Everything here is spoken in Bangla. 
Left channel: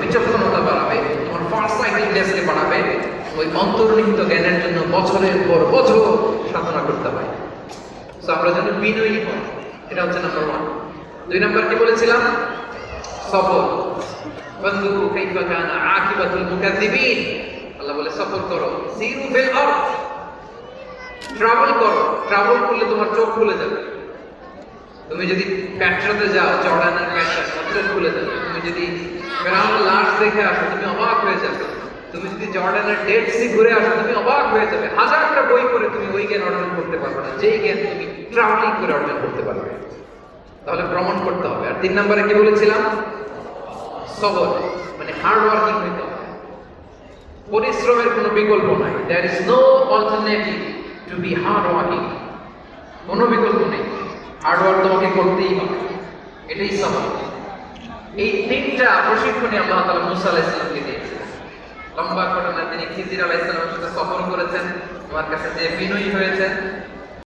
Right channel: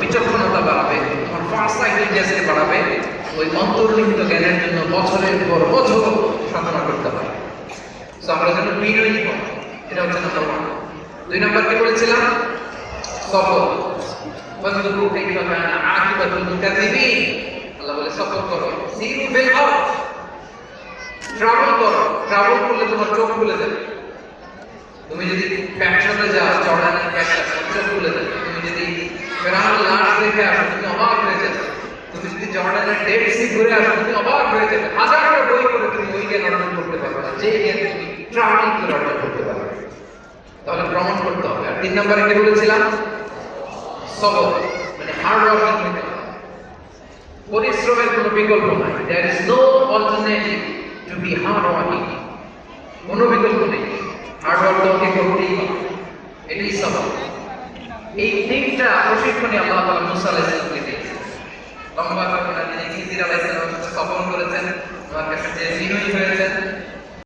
বিচক্ষণতা বাড়াবে, তোমার ফার্স্ট সাইটেডনেসকে বাড়াবে, ওই অন্তর্নিহিত জ্ঞানের জন্য বছরের পর বছর সাধনা করতে হয় আমরা যেন বিনয়ী হব এটা হচ্ছে নাম্বার ওয়ান দুই নাম্বার কি বলেছিলাম? সফর বন্ধু কাইফা কানা আকিবাতুল মুকাদ্দিবিন আল্লাহ বলে সফর করো। সিরু ফিল ট্রাভেল করো। ট্রাভেল করলে তোমার চোখ খুলে যাবে। তুমি যদি প্যাট্রোলে যাও প্যাট্রা চোখ খুলে যাবে। তুমি যদি ফেরান লাশ দেখে আসো, তুমি অবাক হয়ে যাবে। তুমি যদি জর্ডানের ডেড সি ঘুরে আসো, তুমি অবাক হয়ে যাবে। হাজারটা বই করে তুমি ওই জ্ঞান অর্জন করতে পারবে না যে জ্ঞান তুমি ট্রাভেলিং করে অর্জন করতে পারবে। তাহলে ভ্রমণ করতে হবে। আর তিন নম্বরে কি বলেছিলাম? সবর মানে হার্ড ওয়ার্কিং হতে পরিশ্রমের কোনো বিকল্প নাই। There is no alternative to be hard working কোনো বিকল্প নেই। হার্ড ওয়ার্ক তোমাকে করতেই হবে। এটাই সবর এই তিনটা প্রশিক্ষণে আল্লাহ তালা মুসা আলাইহিস দিয়েছেন। লম্বা ঘটনা তিনি খিজির আলাইহিস সালামের সাথে সফর করেছেন। আমার কাছে যে বিনয়ী হয়েছেন।